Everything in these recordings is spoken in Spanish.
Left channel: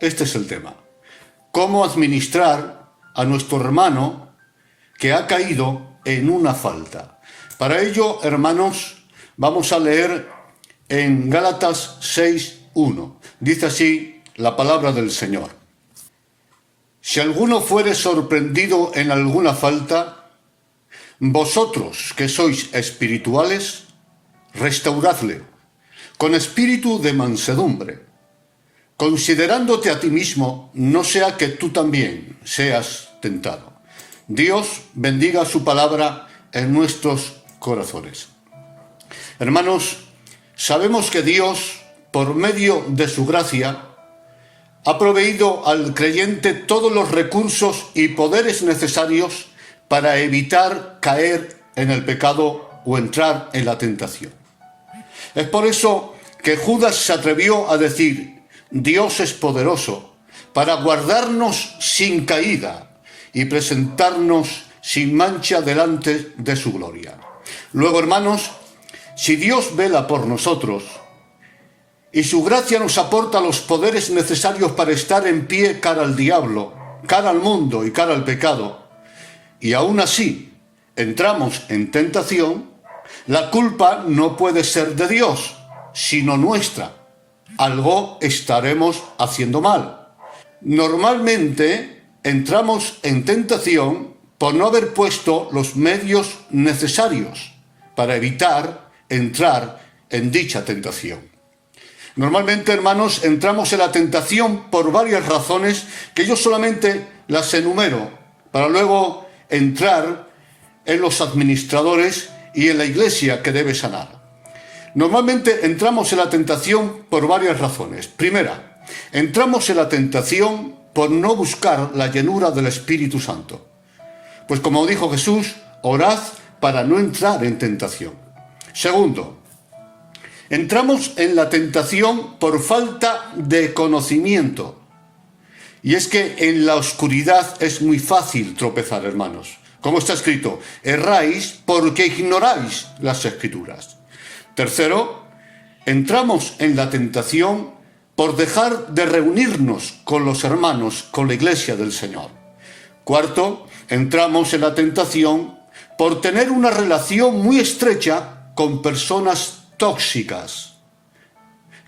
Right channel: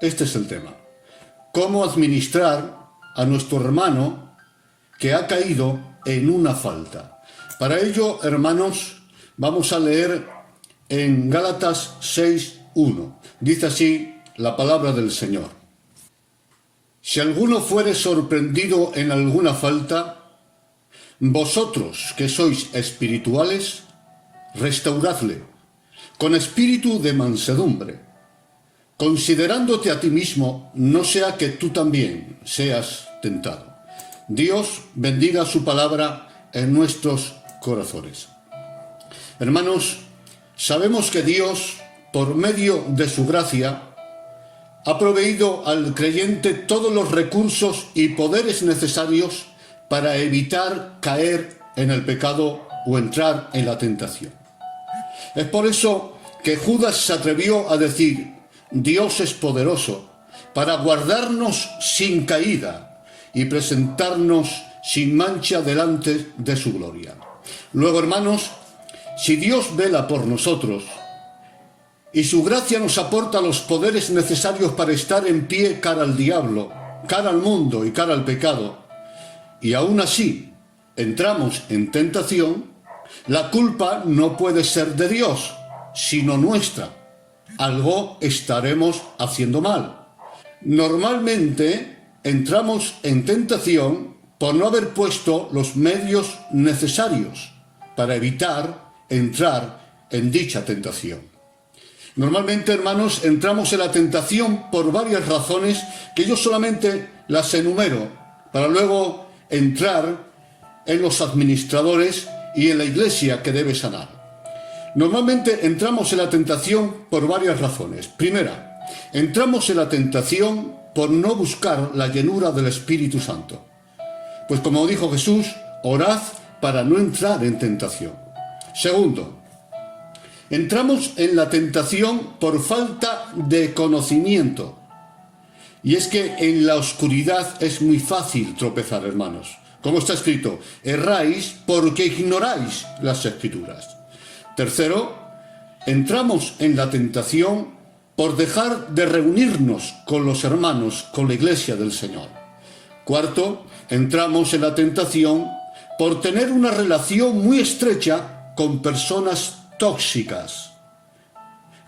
Este es el tema. ¿Cómo administrar a nuestro hermano que ha caído en una falta? Para ello, hermanos, vamos a leer en Gálatas 6:1. Dice así la palabra del Señor. Si alguno fuere sorprendido en alguna falta, vosotros que sois espirituales, restauradle con espíritu de mansedumbre, considerándote a ti mismo, no sea que tú también seas tentado. Dios bendiga su palabra en nuestros corazones. Hermanos, sabemos que Dios, por medio de su gracia, ha proveído al creyente todos los recursos y poderes necesarios para evitar caer en el pecado o entrar en la tentación. Es por eso que Judas se atrevió a decir: Dios es poderoso para guardarnos sin caída y presentarnos sin mancha delante de su gloria. Luego, hermanos, si Dios vela por nosotros y su gracia nos aporta los poderes necesarios para estar en pie cara al diablo, cara al mundo y cara al pecado, y aún así entramos en tentación, la culpa no puede ser de Dios, sino nuestra. Algo estaremos haciendo mal. Normalmente entramos en tentación por no haber puesto los medios necesarios para evitar entrar en dicha tentación. Normalmente, hermanos, entramos en la tentación por varias razones que yo solamente las enumero para luego entrar en los administradores y en la iglesia que debe sanar. Normalmente entramos en la tentación por varias razones. Primera, entramos en la tentación por no buscar la llenura del Espíritu Santo. Pues como dijo Jesús, orad para no entrar en tentación. Segundo, entramos en la tentación por falta de conocimiento. Y es que en la oscuridad es muy fácil tropezar, hermanos. Como está escrito, erráis porque ignoráis las Escrituras. Tercero, entramos en la tentación por dejar de reunirnos con los hermanos, con la iglesia del Señor. Cuarto, entramos en la tentación por tener una relación muy estrecha con personas tóxicas.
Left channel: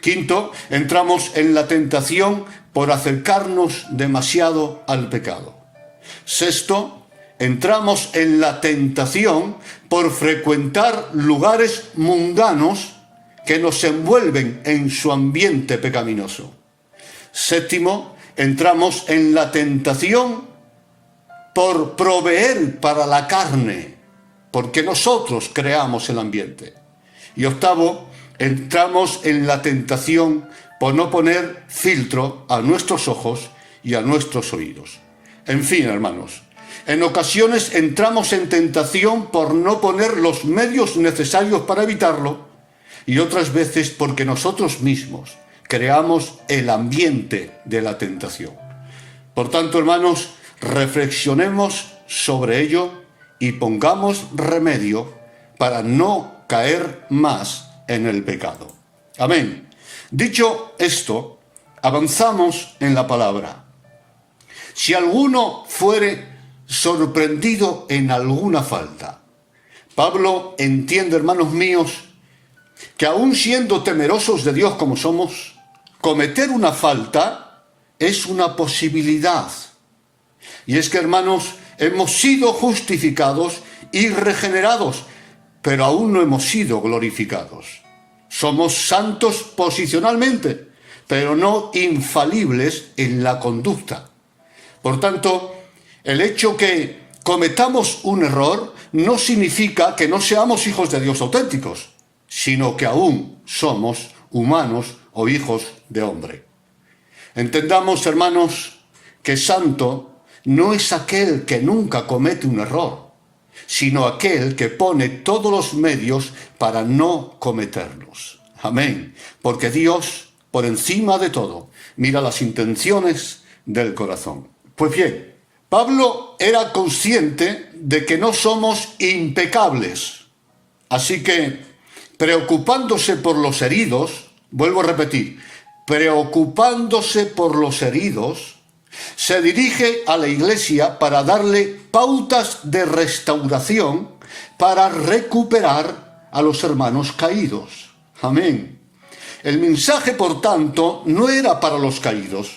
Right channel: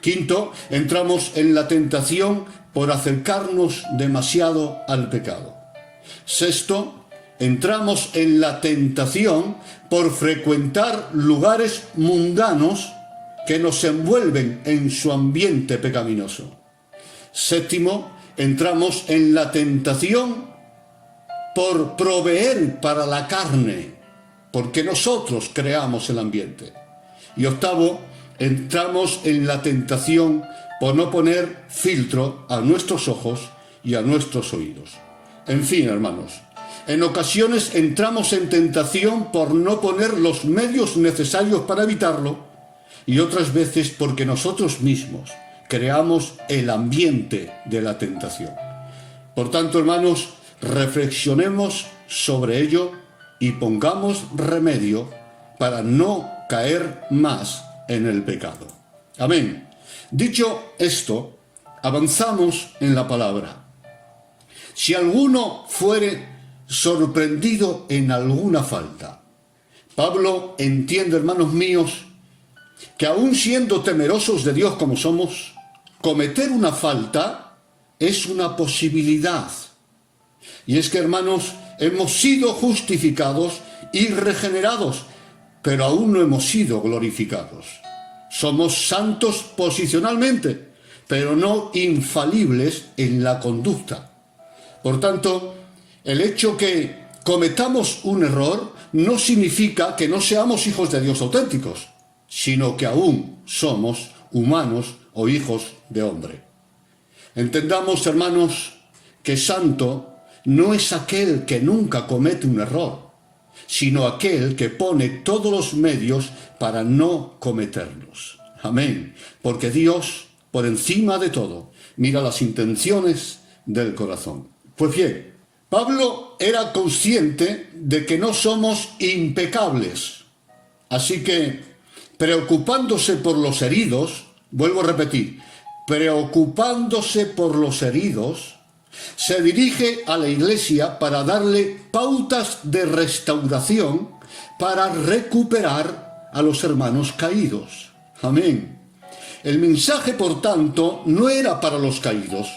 Quinto, entramos en la tentación por acercarnos demasiado al pecado. Sexto, entramos en la tentación por frecuentar lugares mundanos que nos envuelven en su ambiente pecaminoso. Séptimo, entramos en la tentación por proveer para la carne, porque nosotros creamos el ambiente. Y octavo, entramos en la tentación por no poner filtro a nuestros ojos y a nuestros oídos. En fin, hermanos, en ocasiones entramos en tentación por no poner los medios necesarios para evitarlo y otras veces porque nosotros mismos creamos el ambiente de la tentación. Por tanto, hermanos, reflexionemos sobre ello y pongamos remedio para no caer más en el pecado. Amén. Dicho esto, avanzamos en la palabra. Si alguno fuere sorprendido en alguna falta. Pablo entiende, hermanos míos, que aun siendo temerosos de Dios como somos, cometer una falta es una posibilidad. Y es que, hermanos, hemos sido justificados y regenerados, pero aún no hemos sido glorificados. Somos santos posicionalmente, pero no infalibles en la conducta. Por tanto, el hecho que cometamos un error no significa que no seamos hijos de Dios auténticos, sino que aún somos humanos o hijos de hombre. Entendamos, hermanos, que santo no es aquel que nunca comete un error, sino aquel que pone todos los medios para no cometerlos. Amén. Porque Dios, por encima de todo, mira las intenciones del corazón. Pues bien, Pablo era consciente de que no somos impecables. Así que, preocupándose por los heridos, vuelvo a repetir, preocupándose por los heridos, se dirige a la Iglesia para darle pautas de restauración para recuperar a los hermanos caídos. Amén. El mensaje, por tanto, no era para los caídos,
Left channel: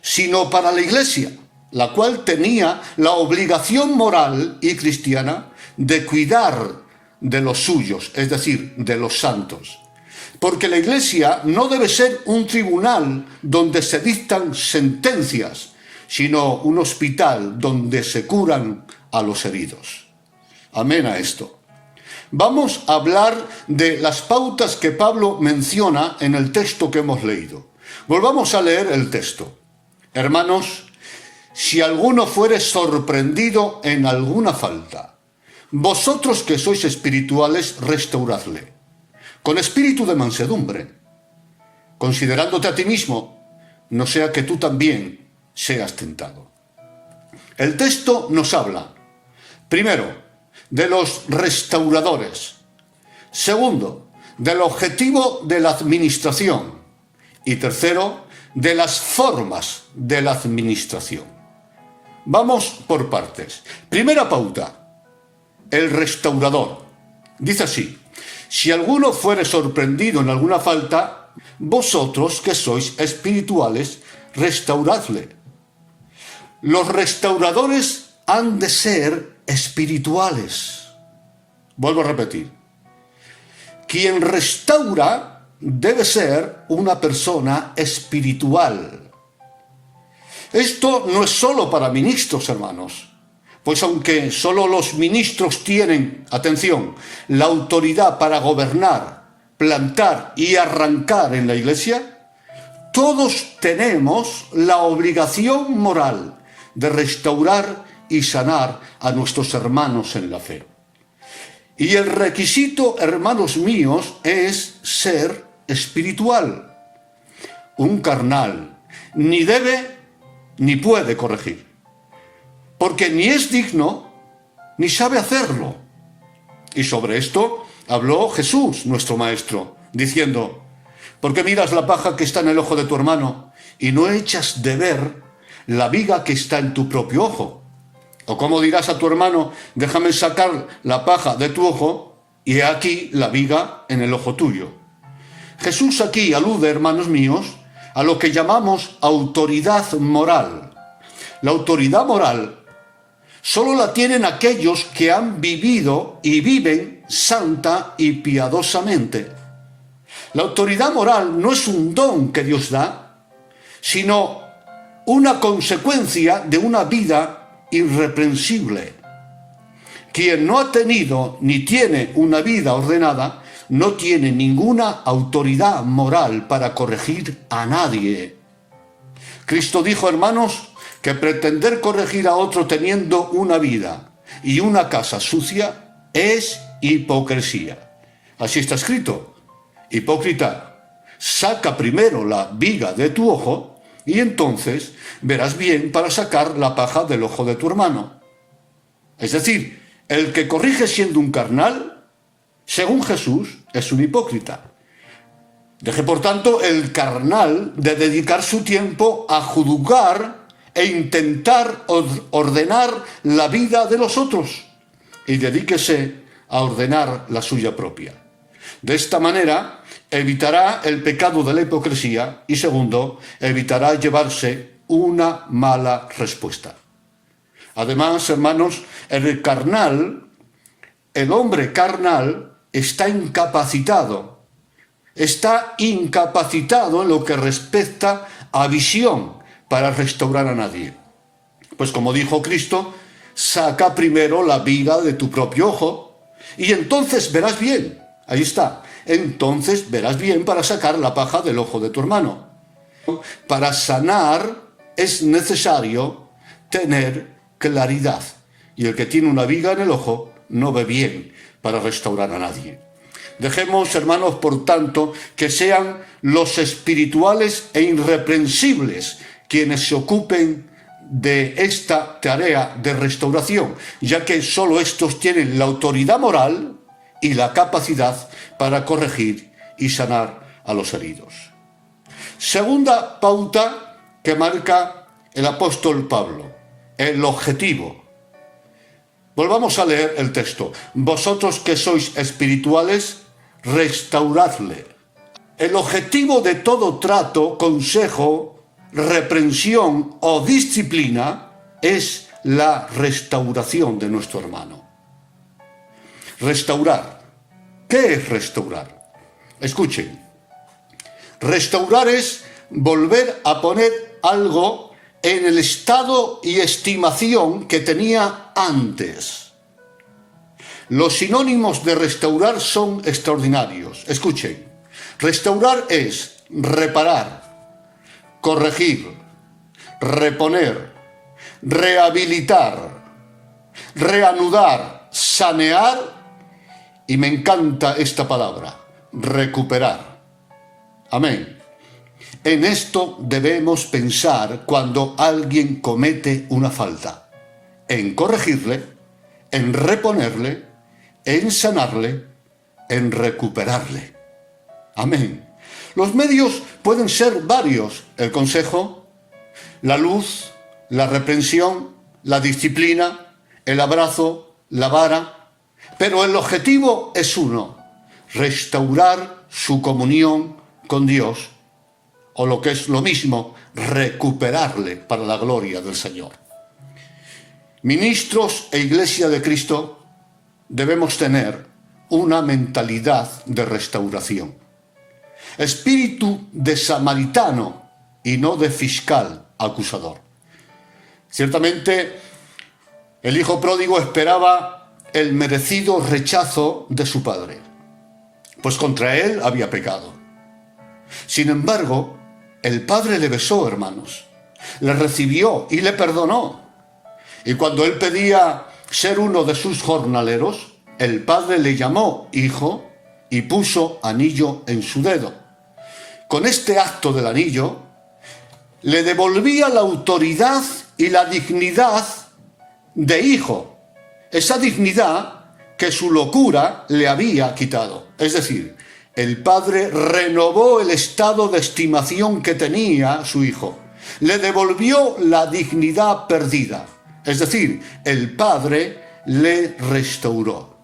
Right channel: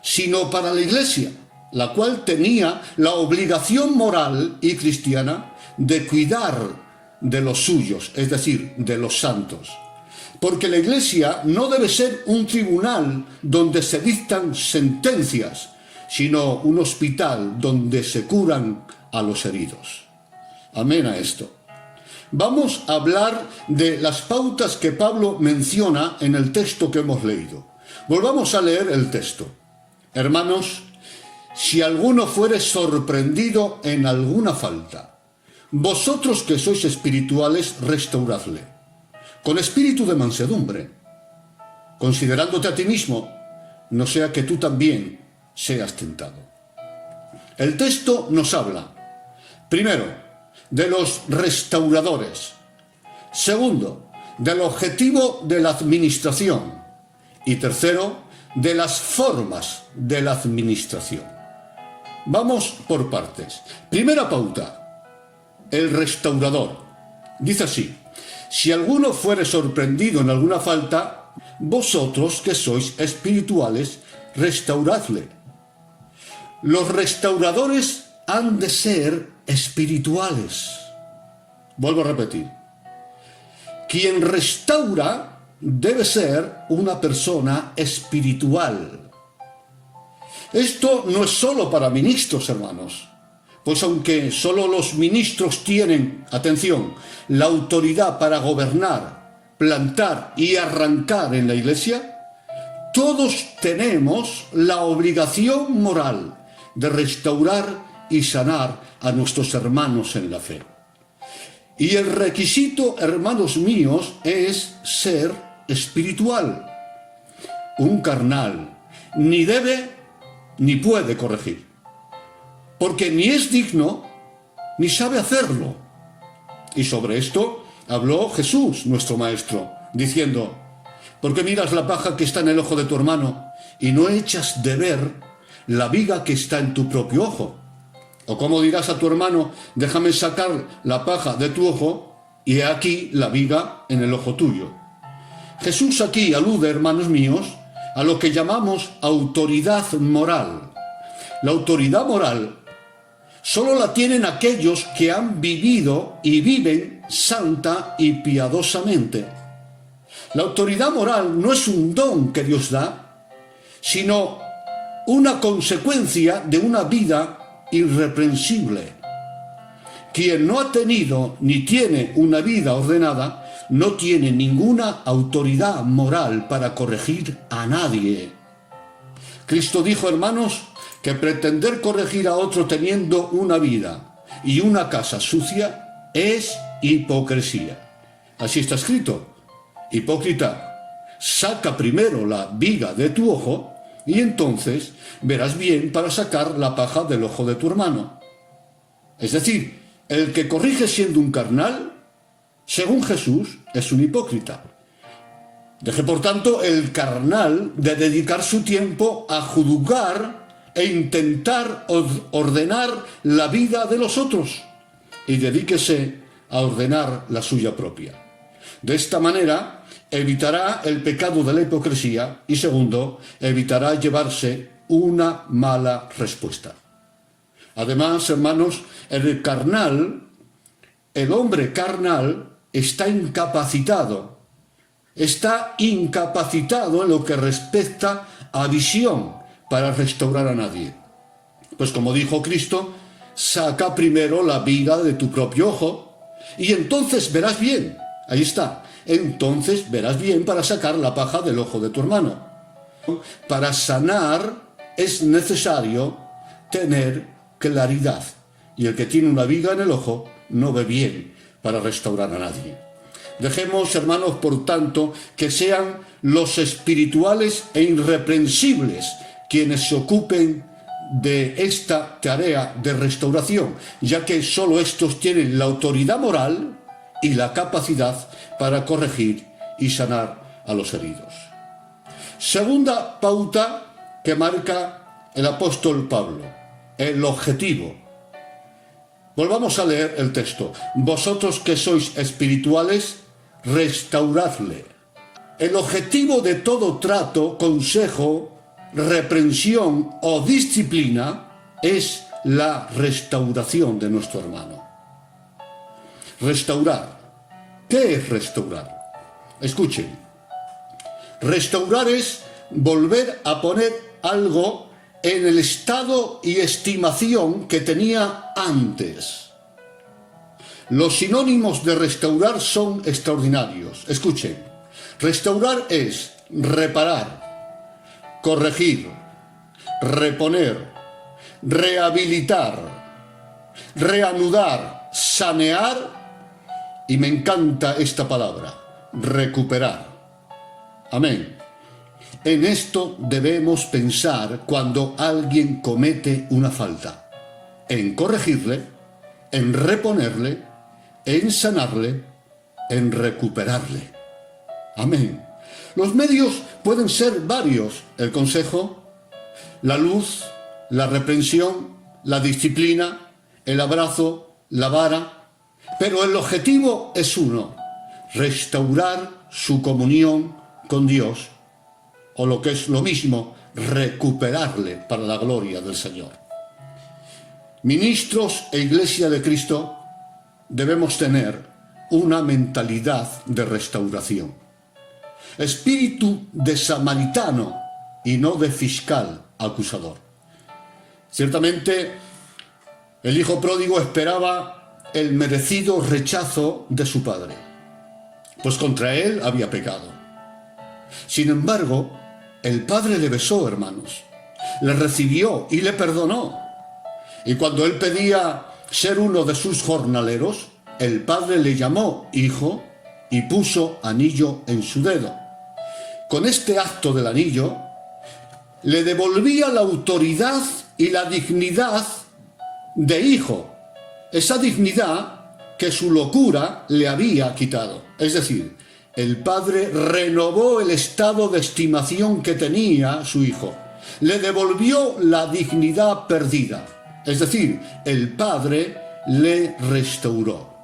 sino para la Iglesia, la cual tenía la obligación moral y cristiana de cuidar de los suyos, es decir, de los santos. Porque la Iglesia no debe ser un tribunal donde se dictan sentencias, sino un hospital donde se curan a los heridos. Amén a esto. Vamos a hablar de las pautas que Pablo menciona en el texto que hemos leído. Volvamos a leer el texto. Hermanos, si alguno fuere sorprendido en alguna falta, vosotros que sois espirituales, restauradle, con espíritu de mansedumbre, considerándote a ti mismo, no sea que tú también seas tentado. El texto nos habla, primero, de los restauradores. Segundo, del objetivo de la administración. Y tercero, de las formas de la administración. Vamos por partes. Primera pauta, el restaurador. Dice así: si alguno fuere sorprendido en alguna falta, vosotros que sois espirituales, restauradle. Los restauradores han de ser espirituales. Vuelvo a repetir. Quien restaura debe ser una persona espiritual. Esto no es solo para ministros, hermanos, pues aunque solo los ministros tienen, atención, la autoridad para gobernar, plantar y arrancar en la Iglesia, todos tenemos la obligación moral de restaurar y sanar a nuestros hermanos en la fe. Y el requisito, hermanos míos, es ser espiritual. Un carnal ni debe ni puede corregir, porque ni es digno ni sabe hacerlo. Y sobre esto habló Jesús, nuestro Maestro, diciendo: ¿por qué miras la paja que está en el ojo de tu hermano y no echas de ver la viga que está en tu propio ojo? ¿O cómo dirás a tu hermano: déjame sacar la paja de tu ojo, y he aquí la viga en el ojo tuyo? Jesús aquí alude, hermanos míos, a lo que llamamos autoridad moral. La autoridad moral solo la tienen aquellos que han vivido y viven santa y piadosamente. La autoridad moral no es un don que Dios da, sino una consecuencia de una vida irreprensible. Quien no ha tenido ni tiene una vida ordenada no tiene ninguna autoridad moral para corregir a nadie. Cristo dijo, hermanos, que pretender corregir a otro teniendo una vida y una casa sucia es hipocresía. Así está escrito: hipócrita, saca primero la viga de tu ojo y entonces verás bien para sacar la paja del ojo de tu hermano. Es decir, el que corrige siendo un carnal, según Jesús, es un hipócrita. Deje, por tanto, el carnal de dedicar su tiempo a juzgar e intentar ordenar la vida de los otros, y dedíquese a ordenar la suya propia. De esta manera evitará el pecado de la hipocresía y, segundo, evitará llevarse una mala respuesta. Además, hermanos, el hombre carnal está incapacitado en lo que respecta a visión para restaurar a nadie. Pues como dijo Cristo, saca primero la viga de tu propio ojo y entonces verás bien. Ahí está. Entonces verás bien para sacar la paja del ojo de tu hermano. Para sanar es necesario tener claridad. Y el que tiene una viga en el ojo no ve bien para restaurar a nadie. Dejemos, hermanos, por tanto, que sean los espirituales e irreprensibles quienes se ocupen de esta tarea de restauración, ya que solo estos tienen la autoridad moral y la capacidad para corregir y sanar a los heridos. Segunda pauta que marca el apóstol Pablo, el objetivo. Volvamos a leer el texto. Vosotros que sois espirituales, restauradle. El objetivo de todo trato, consejo, reprensión o disciplina es la restauración de nuestro hermano. Restaurar. ¿Qué es restaurar? Escuchen. Restaurar es volver a poner algo en el estado y estimación que tenía antes. Los sinónimos de restaurar son extraordinarios. Escuchen. Restaurar es reparar, corregir, reponer, rehabilitar, reanudar, sanear y me encanta esta palabra, recuperar. Amén. En esto debemos pensar cuando alguien comete una falta, en corregirle, en reponerle, en sanarle, en recuperarle. Amén. Los medios pueden ser varios: el consejo, la luz, la reprensión, la disciplina, el abrazo, la vara, pero el objetivo es uno: restaurar su comunión con Dios, o lo que es lo mismo, recuperarle para la gloria del Señor. Ministros e Iglesia de Cristo debemos tener una mentalidad de restauración. Espíritu de samaritano y no de fiscal acusador. Ciertamente, el hijo pródigo esperaba el merecido rechazo de su padre, pues contra él había pecado. Sin embargo, el padre le besó, hermanos, le recibió y le perdonó. Y cuando él pedía ser uno de sus jornaleros, el padre le llamó hijo y puso anillo en su dedo. Con este acto del anillo, le devolvía la autoridad y la dignidad de hijo, esa dignidad que su locura le había quitado. Es decir, el padre renovó el estado de estimación que tenía su hijo, le devolvió la dignidad perdida. Es decir, el padre le restauró,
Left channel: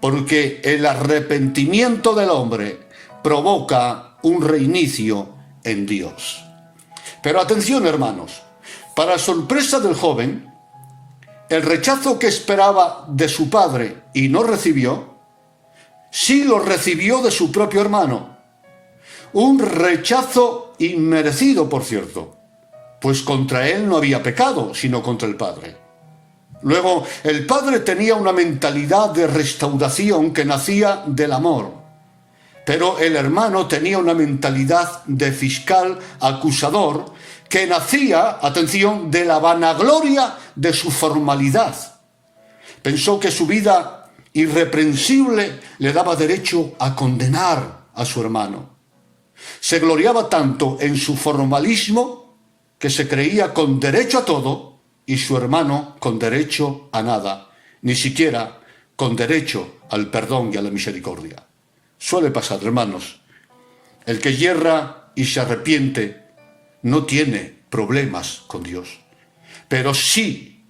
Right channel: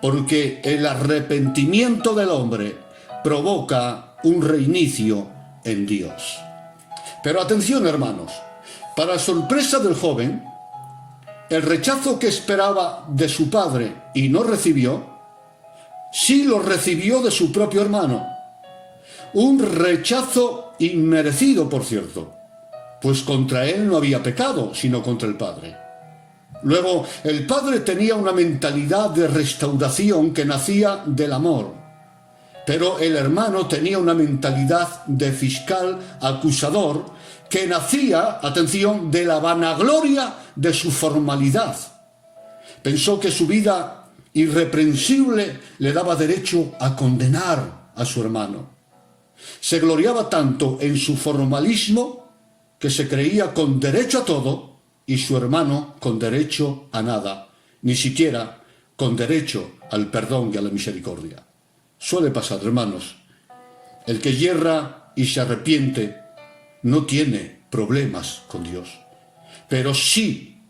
porque el arrepentimiento del hombre provoca un reinicio en Dios. Pero atención, hermanos, para sorpresa del joven, el rechazo que esperaba de su padre y no recibió, sí lo recibió de su propio hermano. Un rechazo inmerecido, por cierto, pues contra él no había pecado, sino contra el padre. Luego, el padre tenía una mentalidad de restauración que nacía del amor. Pero el hermano tenía una mentalidad de fiscal acusador que nacía, atención, de la vanagloria de su formalidad. Pensó que su vida irreprensible le daba derecho a condenar a su hermano. Se gloriaba tanto en su formalismo que se creía con derecho a todo y su hermano con derecho a nada, ni siquiera con derecho al perdón y a la misericordia. Suele pasar, hermanos. El que yerra y se arrepiente no tiene problemas con Dios, pero sí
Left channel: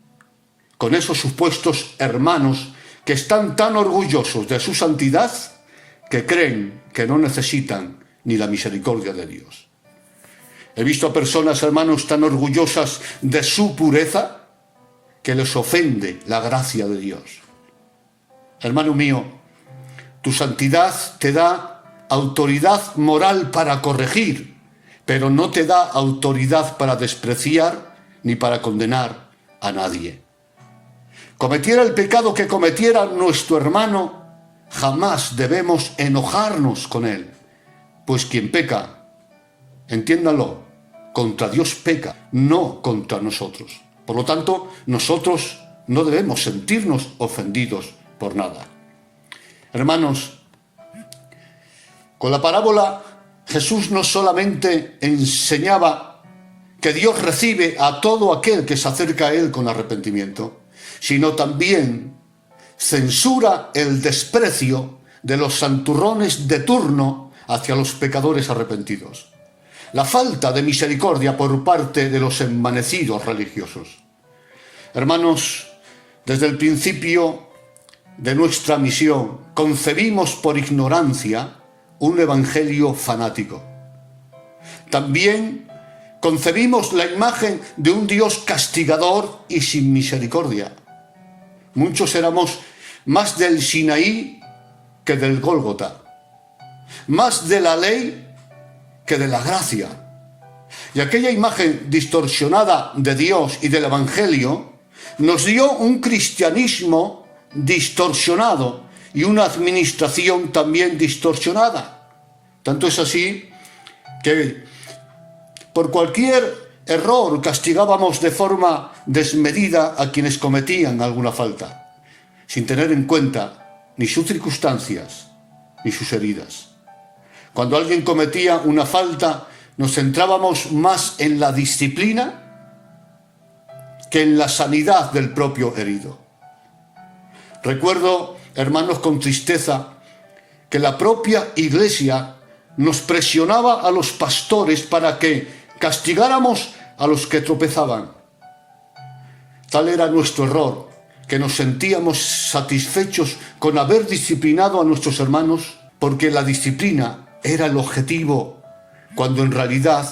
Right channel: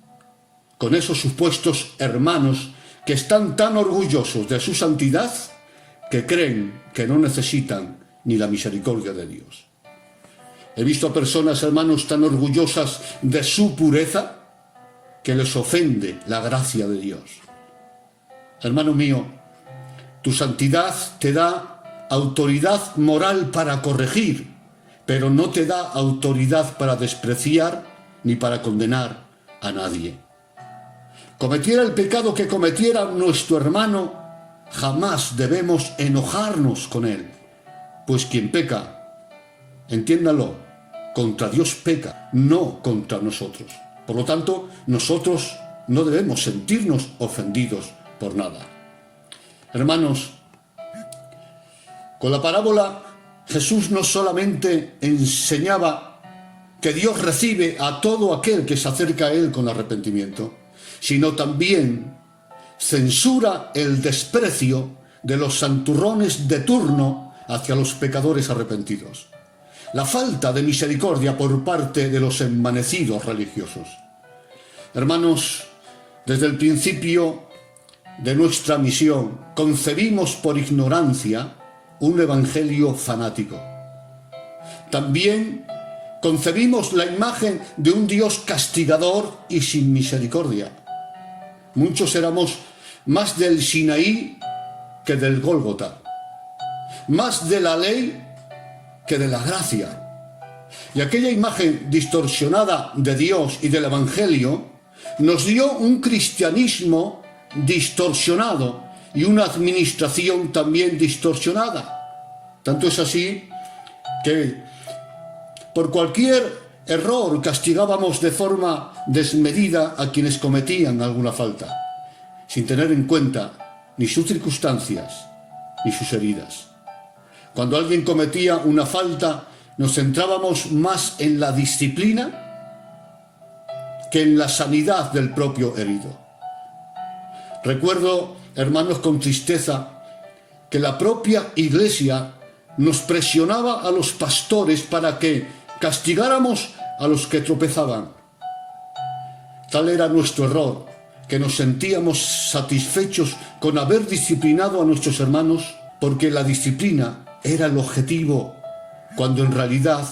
con esos supuestos hermanos que están tan orgullosos de su santidad que creen que no necesitan ni la misericordia de Dios. He visto a personas, hermanos, tan orgullosas de su pureza que les ofende la gracia de Dios. Hermano mío, tu santidad te da autoridad moral para corregir, pero no te da autoridad para despreciar ni para condenar a nadie. Cometiera el pecado que cometiera nuestro hermano, jamás debemos enojarnos con él, pues quien peca, entiéndalo, contra Dios peca, no contra nosotros. Por lo tanto, nosotros no debemos sentirnos ofendidos por nada. Hermanos, con la parábola Jesús no solamente enseñaba que Dios recibe a todo aquel que se acerca a Él con arrepentimiento, sino también censura el desprecio de los santurrones de turno hacia los pecadores arrepentidos. la falta de misericordia por parte de los envanecidos religiosos. Hermanos, desde el principio de nuestra misión concebimos por ignorancia un evangelio fanático. También concebimos la imagen de un Dios castigador y sin misericordia. Muchos éramos más del Sinaí que del Gólgota, más de la ley que de la gracia. Y aquella imagen distorsionada de Dios y del Evangelio nos dio un cristianismo distorsionado y una administración también distorsionada. Tanto es así que por cualquier error castigábamos de forma desmedida a quienes cometían alguna falta, sin tener en cuenta ni sus circunstancias ni sus heridas. Cuando alguien cometía una falta, nos centrábamos más en la disciplina que en la sanidad del propio herido. Recuerdo, hermanos, con tristeza, que la propia Iglesia nos presionaba a los pastores para que castigáramos a los que tropezaban. Tal era nuestro error, que nos sentíamos satisfechos con haber disciplinado a nuestros hermanos, porque la disciplina era el objetivo, cuando en realidad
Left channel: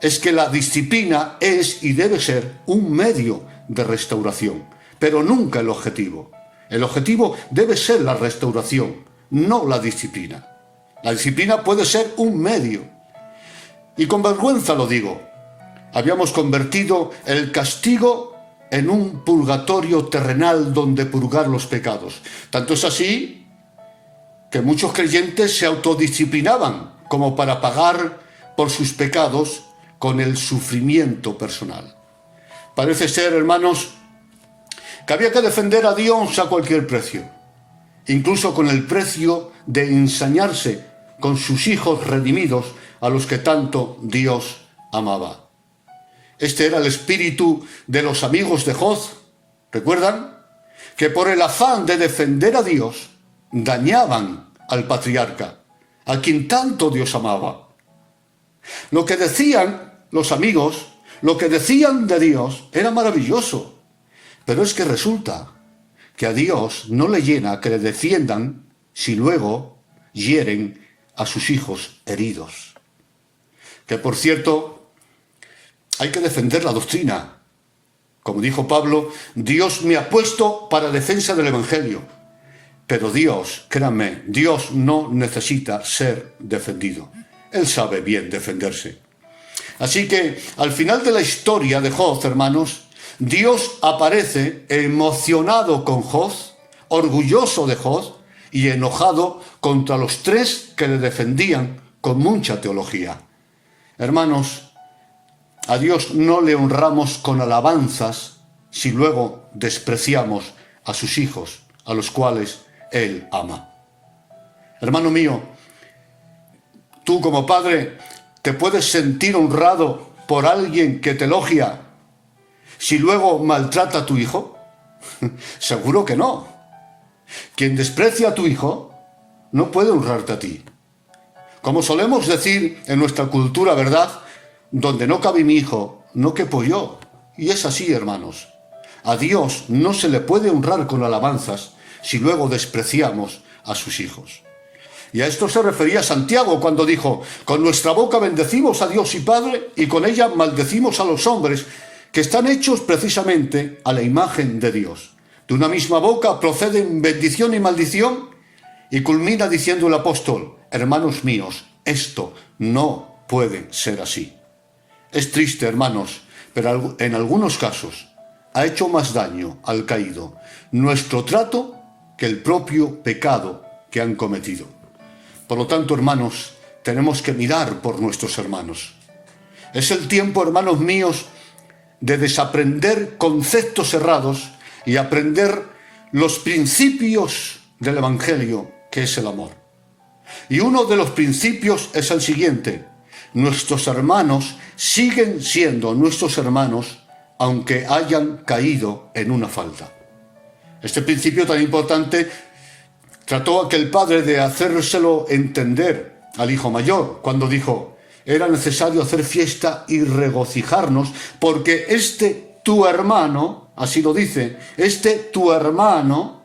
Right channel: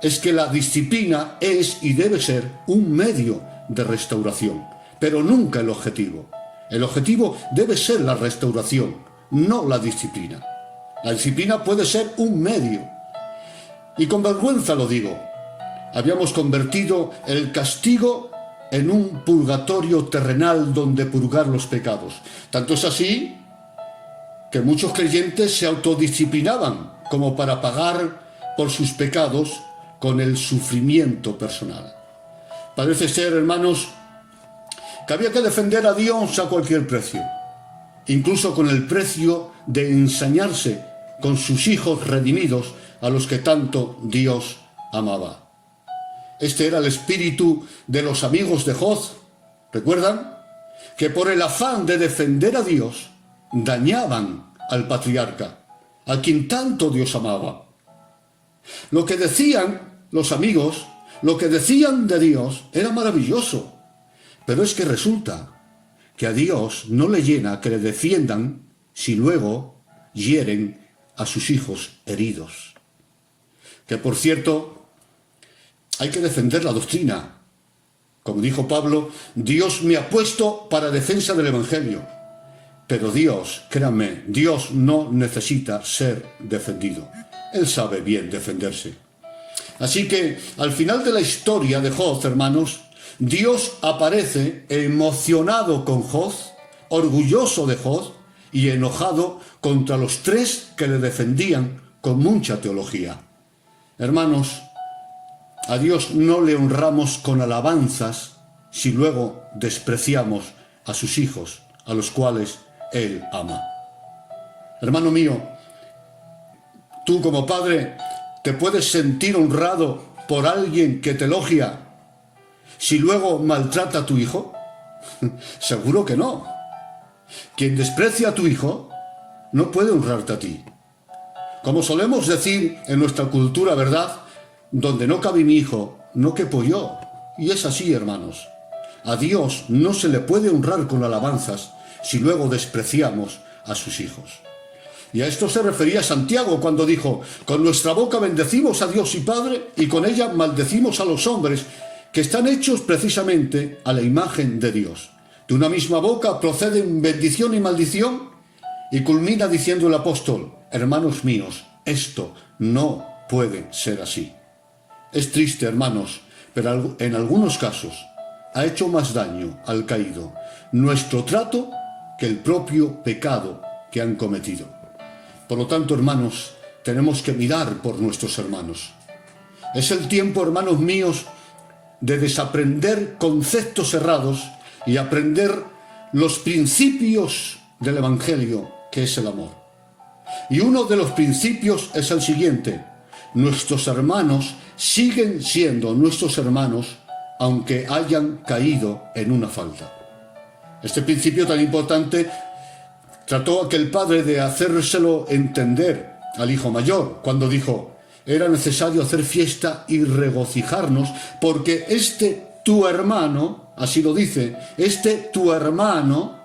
es que la disciplina es y debe ser un medio de restauración, pero nunca el objetivo. El objetivo debe ser la restauración, no la disciplina. La disciplina puede ser un medio. Y con vergüenza lo digo, habíamos convertido el castigo en un purgatorio terrenal donde purgar los pecados. Tanto es así que muchos creyentes se autodisciplinaban como para pagar por sus pecados con el sufrimiento personal. Parece ser, hermanos, que había que defender a Dios a cualquier precio, incluso con el precio de ensañarse con sus hijos redimidos a los que tanto Dios amaba. Este era el espíritu de los amigos de Job. ¿Recuerdan? Que por el afán de defender a Dios dañaban al patriarca, a quien tanto Dios amaba. Lo que decían los amigos, lo que decían de Dios era maravilloso, pero es que resulta que a Dios no le llena que le defiendan si luego hieren a sus hijos heridos. Que por cierto, hay que defender la doctrina. Como dijo Pablo, Dios me ha puesto para defensa del Evangelio. Pero Dios, créanme, Dios no necesita ser defendido. Él sabe bien defenderse. Así que al final de la historia de Job, hermanos, Dios aparece emocionado con Job, orgulloso de Job y enojado contra los tres que le defendían con mucha teología. Hermanos, a Dios no le honramos con alabanzas si luego despreciamos a sus hijos, a los cuales Él ama. Hermano mío, tú como padre te puedes sentir honrado por alguien que te elogia si luego maltrata a tu hijo. Seguro que no. Quien desprecia a tu hijo no puede honrarte a ti. Como solemos decir en nuestra cultura, ¿verdad? Donde no cabe mi hijo, no quepo yo. Y es así, hermanos. A Dios no se le puede honrar con alabanzas si luego despreciamos a sus hijos. Y a esto se refería Santiago cuando dijo: con nuestra boca bendecimos a Dios y Padre, y con ella maldecimos a los hombres, que están hechos precisamente a la imagen de Dios. De una misma boca proceden bendición y maldición, y culmina diciendo el apóstol: hermanos míos, esto no puede ser así. Es triste, hermanos, pero en algunos casos ha hecho más daño al caído nuestro trato que el propio pecado que han cometido. Por lo tanto, hermanos, tenemos que mirar por nuestros hermanos. Es el tiempo, hermanos míos, de desaprender conceptos errados y aprender los principios del Evangelio, que es el amor. Y uno de los principios es el siguiente: nuestros hermanos siguen siendo nuestros hermanos aunque hayan caído en una falta. Este principio tan importante trató aquel padre de hacérselo entender al hijo mayor cuando dijo: era necesario hacer fiesta y regocijarnos, porque tu hermano, así lo dice, tu hermano,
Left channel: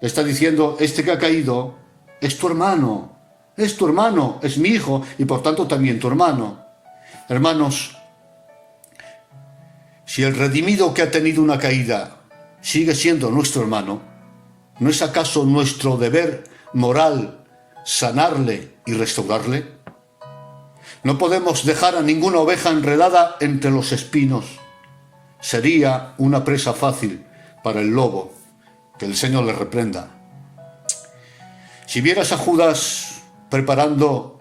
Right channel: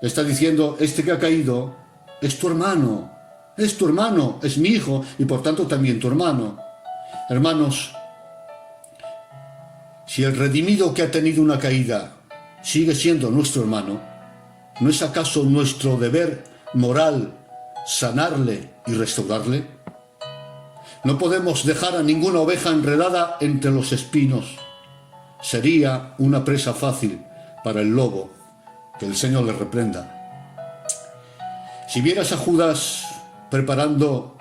está diciendo, que ha caído, es tu hermano, es mi hijo, y por tanto también tu hermano. Hermanos, si el redimido que ha tenido una caída sigue siendo nuestro hermano, ¿no es acaso nuestro deber moral sanarle y restaurarle? No podemos dejar a ninguna oveja enredada entre los espinos. Sería una presa fácil para el lobo, que el Señor le reprenda. Si vieras a Judas preparando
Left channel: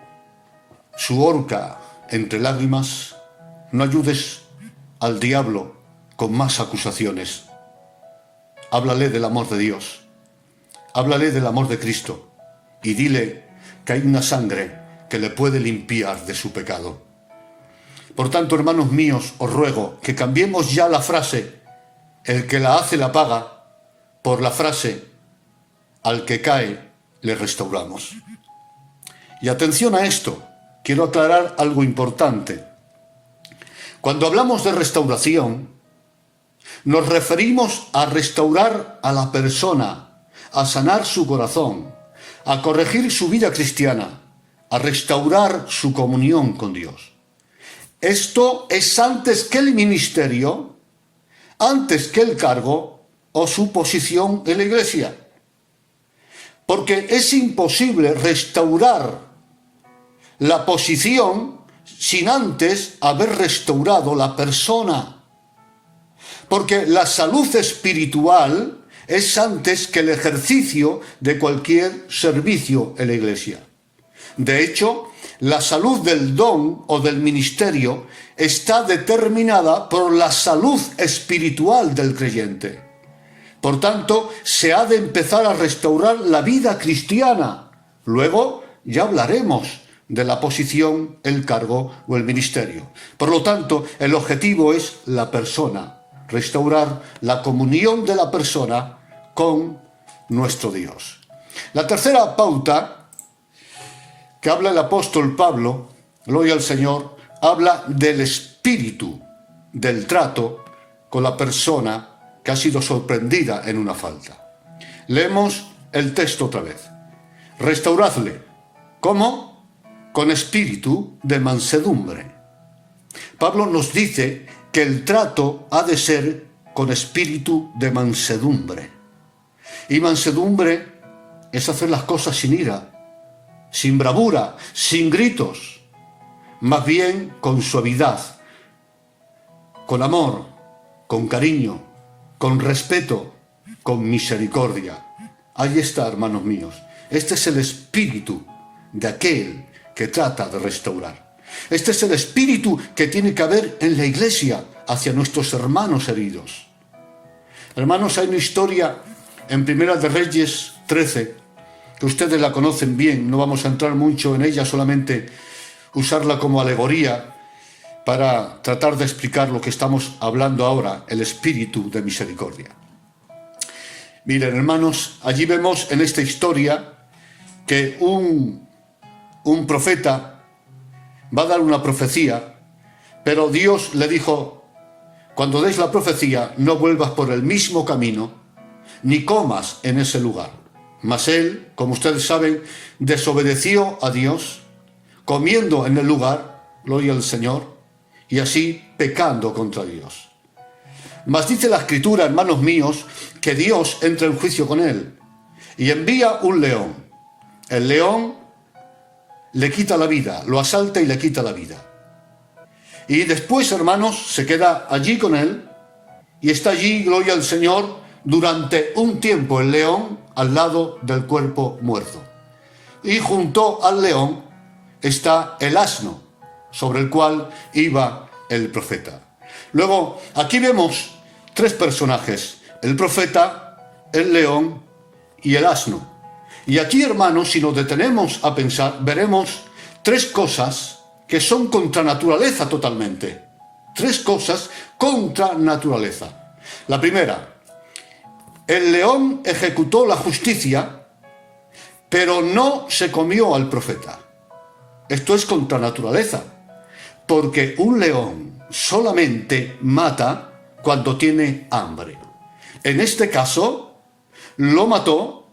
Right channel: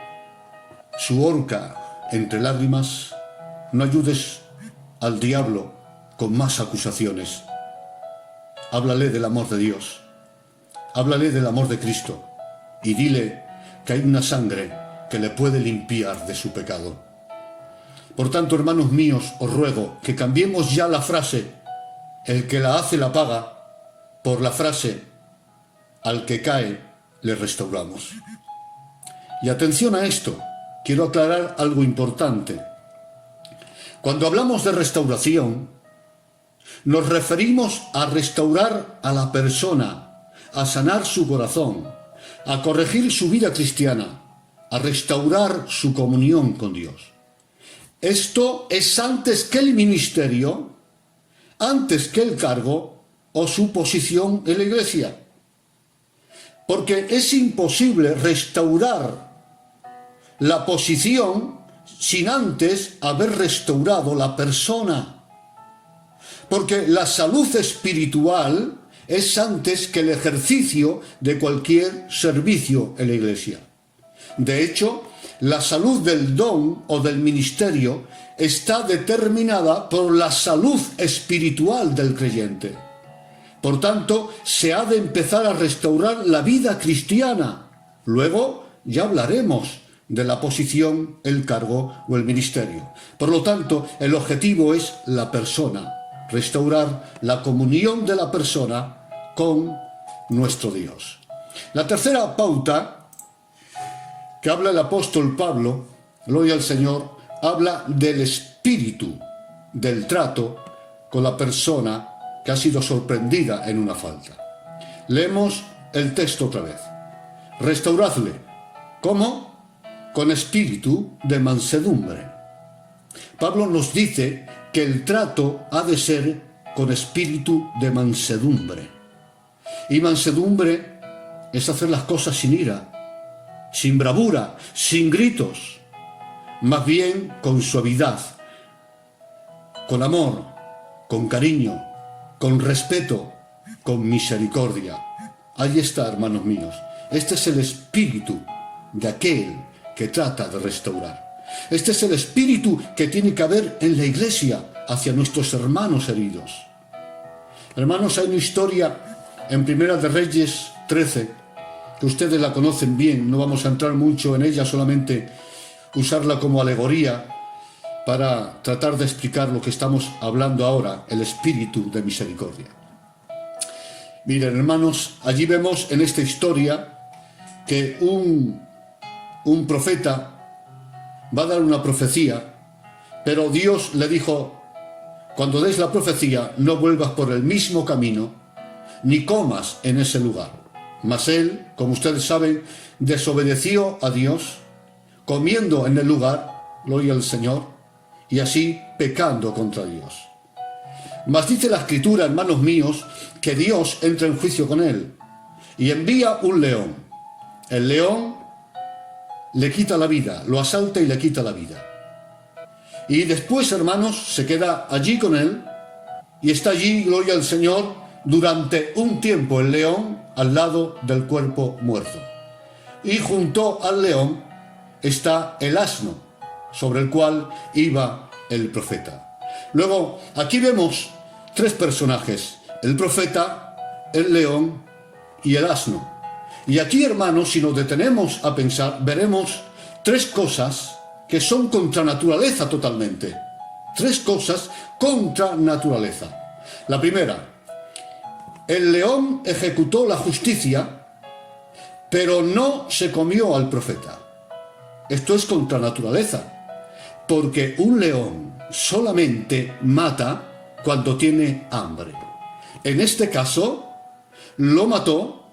su horca entre lágrimas, no ayudes al diablo con más acusaciones. Háblale del amor de Dios, háblale del amor de Cristo y dile que hay una sangre que le puede limpiar de su pecado. Por tanto, hermanos míos, os ruego que cambiemos ya la frase «el que la hace la paga» por la frase «al que cae le restauramos». Y atención a esto, quiero aclarar algo importante. Cuando hablamos de restauración, nos referimos a restaurar a la persona, a sanar su corazón, a corregir su vida cristiana, a restaurar su comunión con Dios. Esto es antes que el ministerio, antes que el cargo o su posición en la iglesia. Porque es imposible restaurar la posición sin antes haber restaurado la persona. Porque la salud espiritual es antes que el ejercicio de cualquier servicio en la iglesia. De hecho, la salud del don o del ministerio está determinada por la salud espiritual del creyente. Por tanto, se ha de empezar a restaurar la vida cristiana. Luego ya hablaremos de la posición, el cargo o el ministerio. Por lo tanto, el objetivo es la persona, restaurar la comunión de la persona con nuestro Dios. La tercera pauta que habla el apóstol Pablo, gloria al Señor, habla del espíritu del trato con la persona que ha sido sorprendida en una falta. Leemos el texto otra vez. Restauradle. ¿Cómo? Con espíritu de mansedumbre. Pablo nos dice que el trato ha de ser con espíritu de mansedumbre. Y mansedumbre es hacer las cosas sin ira, sin bravura, sin gritos, más bien con suavidad, con amor, con cariño, con respeto, con misericordia. Ahí está, hermanos míos. Este es el espíritu de aquel que trata de restaurar. Este es el espíritu que tiene que haber en la iglesia hacia nuestros hermanos heridos. Hermanos, hay una historia en Primera de Reyes 13, que ustedes la conocen bien, no vamos a entrar mucho en ella, solamente usarla como alegoría para tratar de explicar lo que estamos hablando ahora, el espíritu de misericordia. Miren, hermanos, allí vemos en esta historia que un profeta va a dar una profecía, pero Dios le dijo: cuando des la profecía, no vuelvas por el mismo camino, ni comas en ese lugar. Mas él, como ustedes saben, desobedeció a Dios, comiendo en el lugar, gloria al Señor, y así pecando contra Dios. Mas dice la Escritura, hermanos míos, que Dios entra en juicio con él y envía un león. El león le quita la vida, lo asalta y le quita la vida. Y después, hermanos, se queda allí con él y está allí, gloria al Señor, durante un tiempo el león al lado del cuerpo muerto. Y junto al león está el asno sobre el cual iba el profeta. Luego, aquí vemos tres personajes: el profeta, el león y el asno. Y aquí, hermanos, si nos detenemos a pensar, veremos tres cosas que son contra naturaleza totalmente. Tres cosas contra naturaleza. La primera: el león ejecutó la justicia, pero no se comió al profeta. Esto es contra naturaleza. porque un león solamente mata cuando tiene hambre. En este caso, lo mató,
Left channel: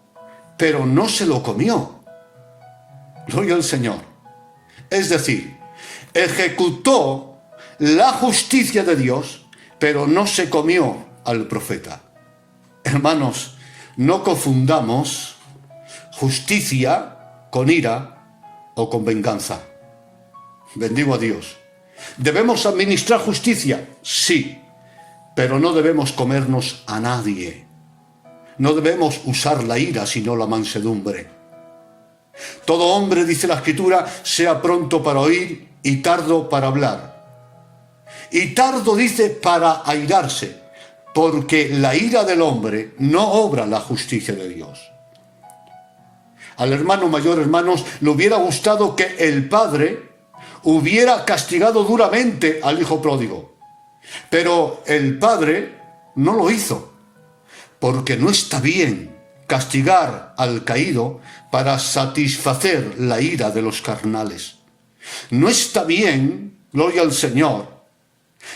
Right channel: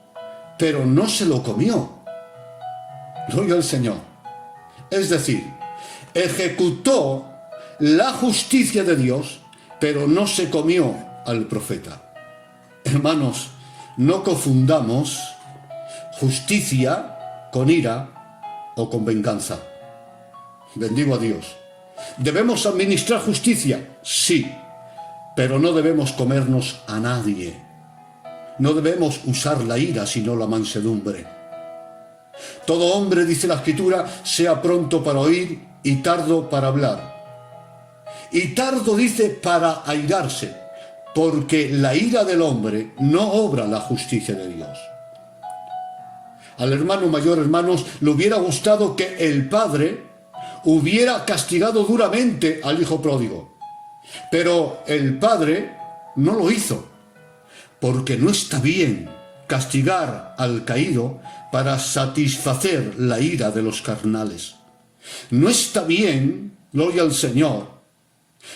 pero no se lo comió. Gloria al Señor. Es decir, ejecutó la justicia de Dios, pero no se comió al profeta. Hermanos, no confundamos justicia con ira o con venganza. Bendigo a Dios. ¿Debemos administrar justicia? Sí, pero no debemos comernos a nadie. No debemos usar la ira, sino la mansedumbre. Todo hombre, dice la Escritura, sea pronto para oír y tardo para hablar. Y tardo, dice, para airarse, porque la ira del hombre no obra la justicia de Dios. Al hermano mayor, hermanos, le hubiera gustado que el padre hubiera castigado duramente al hijo pródigo. Pero el padre no lo hizo, porque no está bien castigar al caído para satisfacer la ira de los carnales. No está bien, gloria al Señor,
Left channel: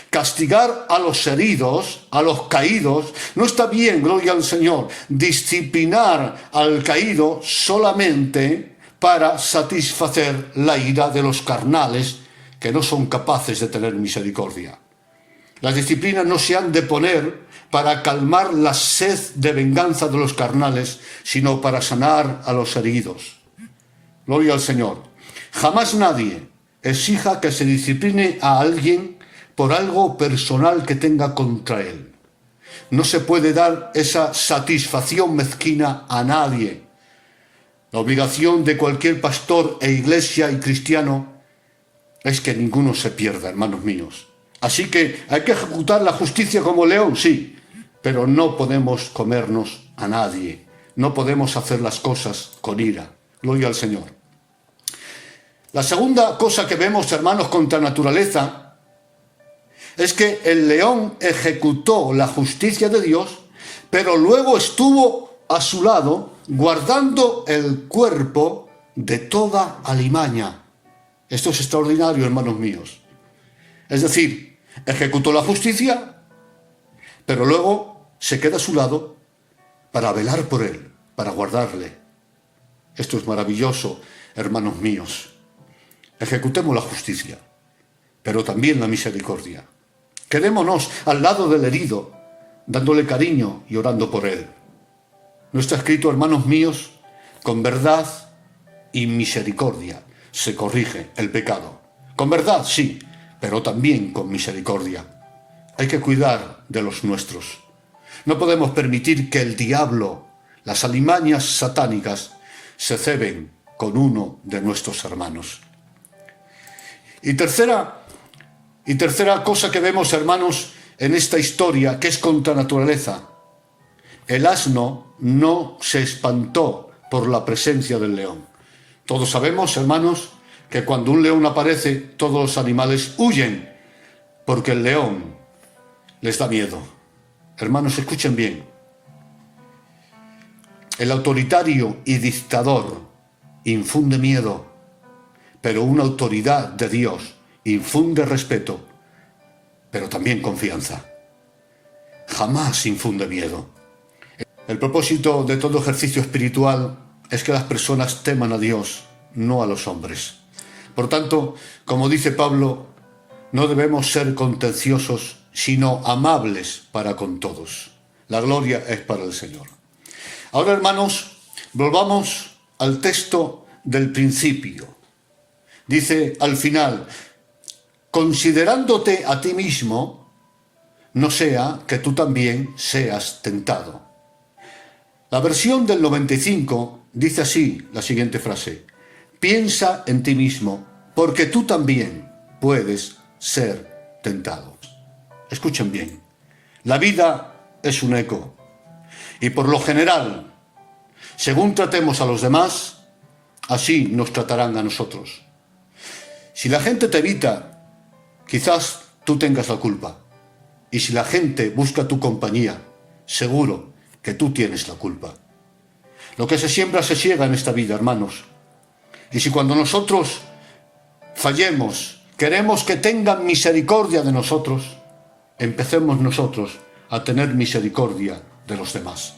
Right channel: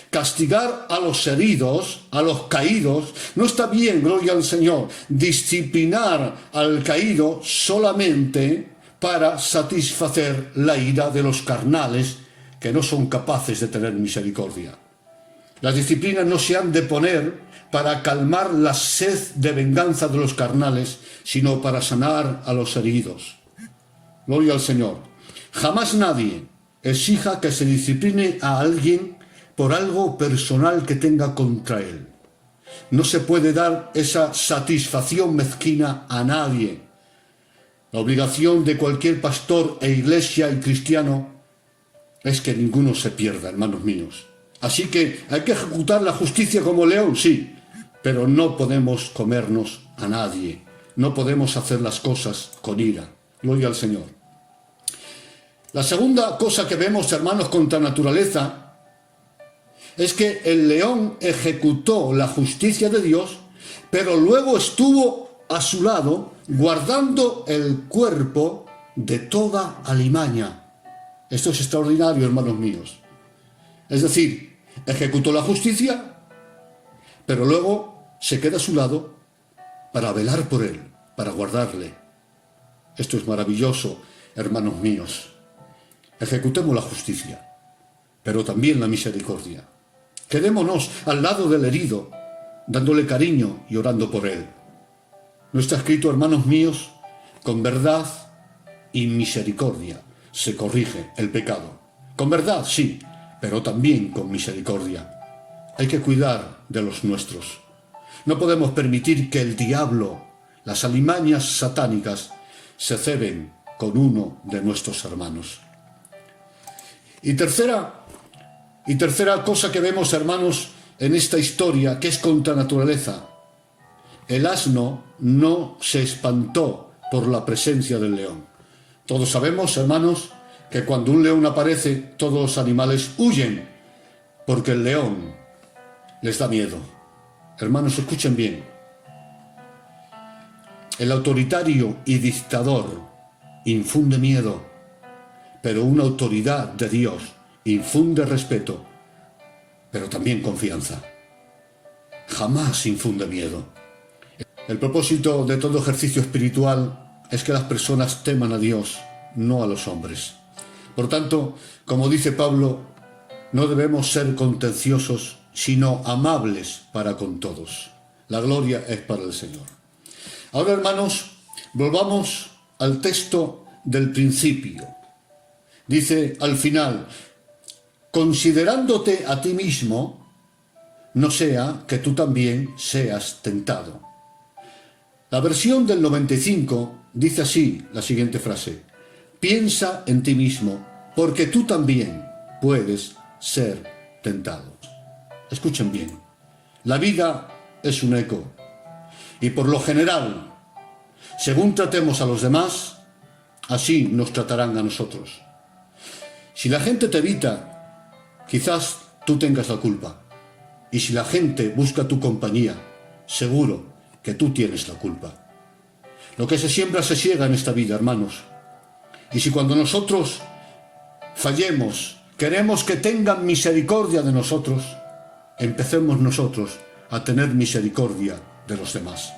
castigar a los heridos, a los caídos. No está bien, gloria al Señor, disciplinar al caído solamente para satisfacer la ira de los carnales que no son capaces de tener misericordia. Las disciplinas no se han de poner para calmar la sed de venganza de los carnales, sino para sanar a los heridos. Gloria al Señor. Jamás nadie exija que se discipline a alguien por algo personal que tenga contra él. No se puede dar esa satisfacción mezquina a nadie. La obligación de cualquier pastor e iglesia y cristiano es que ninguno se pierda, hermanos míos. Así que hay que ejecutar la justicia como león, sí, pero no podemos comernos a nadie. No podemos hacer las cosas con ira. Gloria al Señor. La segunda cosa que vemos, hermanos, contra naturaleza, es que el león ejecutó la justicia de Dios, pero luego estuvo a su lado guardando el cuerpo de toda alimaña. Esto es extraordinario, hermanos míos. Es decir, ejecutó la justicia, pero luego se queda a su lado para velar por él, para guardarle. Esto es maravilloso, hermanos míos. Ejecutemos la justicia, pero también la misericordia. Quedémonos al lado del herido, dándole cariño y orando por él. No está escrito, hermanos míos, con verdad y misericordia se corrige el pecado. Con verdad, sí, pero también con misericordia. Hay que cuidar de los nuestros. No podemos permitir que el diablo, las alimañas satánicas, se ceben con uno de nuestros hermanos. Y tercera cosa que vemos, hermanos, en esta historia, que es contra naturaleza. El asno no se espantó por la presencia del león. Todos sabemos, hermanos, que cuando un león aparece, todos los animales huyen, porque el león les da miedo. Hermanos, escuchen bien. El autoritario y dictador infunde miedo, pero una autoridad de Dios infunde respeto, pero también confianza. Jamás infunde miedo. El propósito de todo ejercicio espiritual es que las personas teman a Dios, no a los hombres. Por tanto, como dice Pablo, no debemos ser contenciosos, sino amables para con todos. La gloria es para el Señor. Ahora, hermanos, volvamos al texto del principio. Dice al final, considerándote a ti mismo, no sea que tú también seas tentado. La versión del 95 dice así la siguiente frase: piensa en ti mismo, porque tú también puedes ser tentado. Escuchen bien, la vida es un eco, y por lo general, según tratemos a los demás, así nos tratarán a nosotros. Si la gente te evita, quizás tú tengas la culpa, y si la gente busca tu compañía, seguro que tú tienes la culpa. Lo que se siembra se ciega en esta vida, hermanos. Y si cuando nosotros fallemos queremos que tengan misericordia de nosotros, empecemos nosotros a tener misericordia de los demás.